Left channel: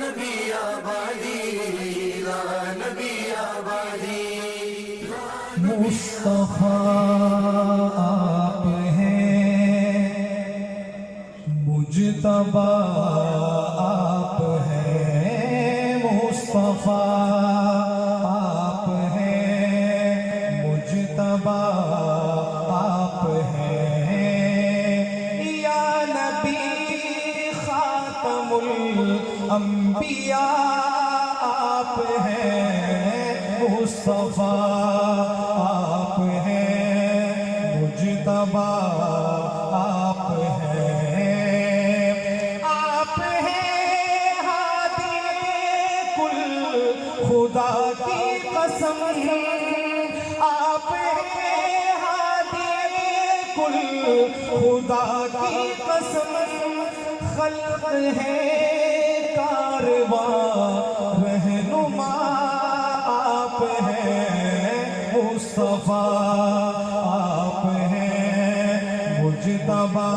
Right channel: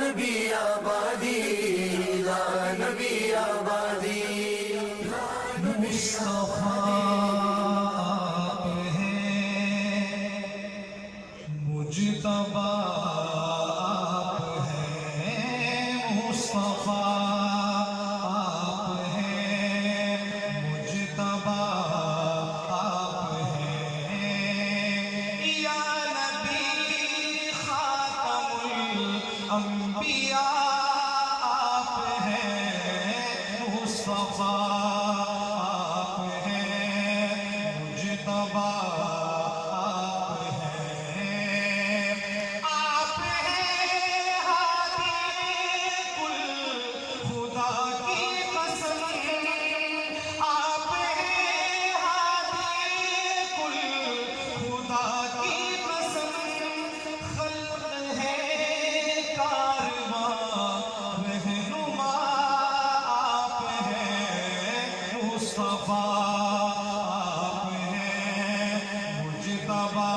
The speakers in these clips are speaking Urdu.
نبی آبادی، لا نبی آبادی، مصطفیٰ آپ ہیں، مجتبیٰ آپ ہیں، مصطفیٰ آپ ہیں، مجتبیٰ آپ ہیں، یا نبی خاتم الانبیاء آپ ہیں، مصطفیٰ آپ ہیں، مجتبیٰ آپ ہیں، آپ ہیں ہادی کل خدا کی قسم، آپ ہیں ہادی کل خدا کی قسم، خلق ہے کارواں رہنما آپ ہیں، مصطفیٰ آپ ہیں، مجتبیٰ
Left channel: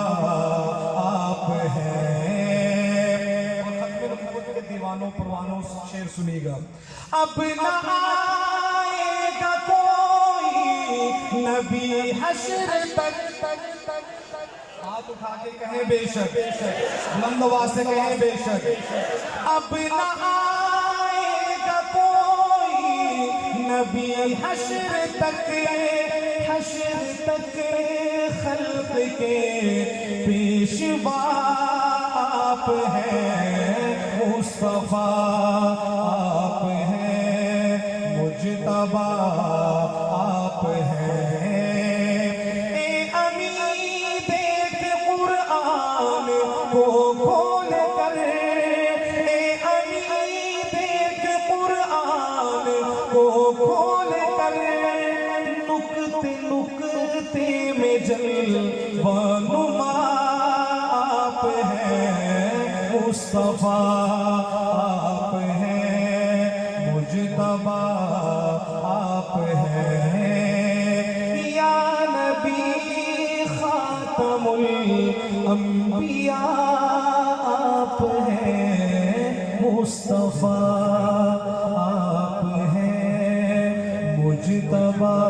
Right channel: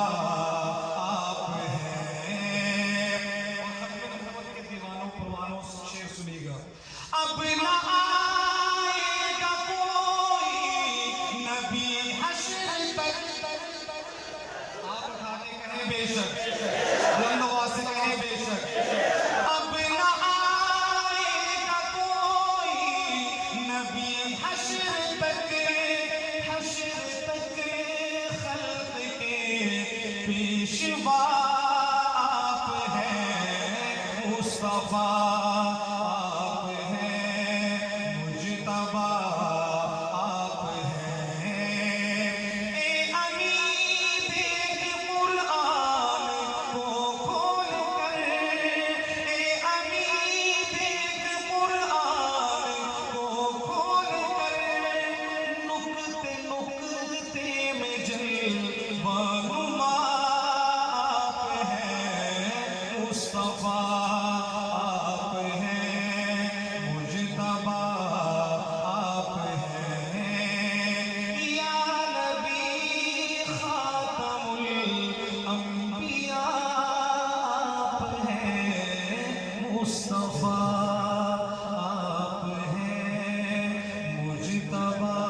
آپ ہیں۔ ختم کے دیوانوں پروانوں شعر سنیے گا۔ اب نہ آئے گا کوئی نبی حشر تک، ہاتھ اٹھا کے کہیں بے شک، بلند آواز سے کہیں بے شک، اب نہ آئے گا کوئی نبی حشر تک، حشر تک خلق کے پیشوا آپ ہیں، مصطفیٰ آپ ہیں، مجتبیٰ آپ ہیں، اے امین دیکھ قرآن کو کھول کر، اے امین دیکھ قرآن کو کھول کر، نکتے نکتے میں جلوہ نما آپ ہیں، مصطفیٰ آپ ہیں، مجتبیٰ آپ ہیں، یا نبی خاتم الانبیاء آپ ہیں، مصطفیٰ آپ ہیں، مجتبیٰ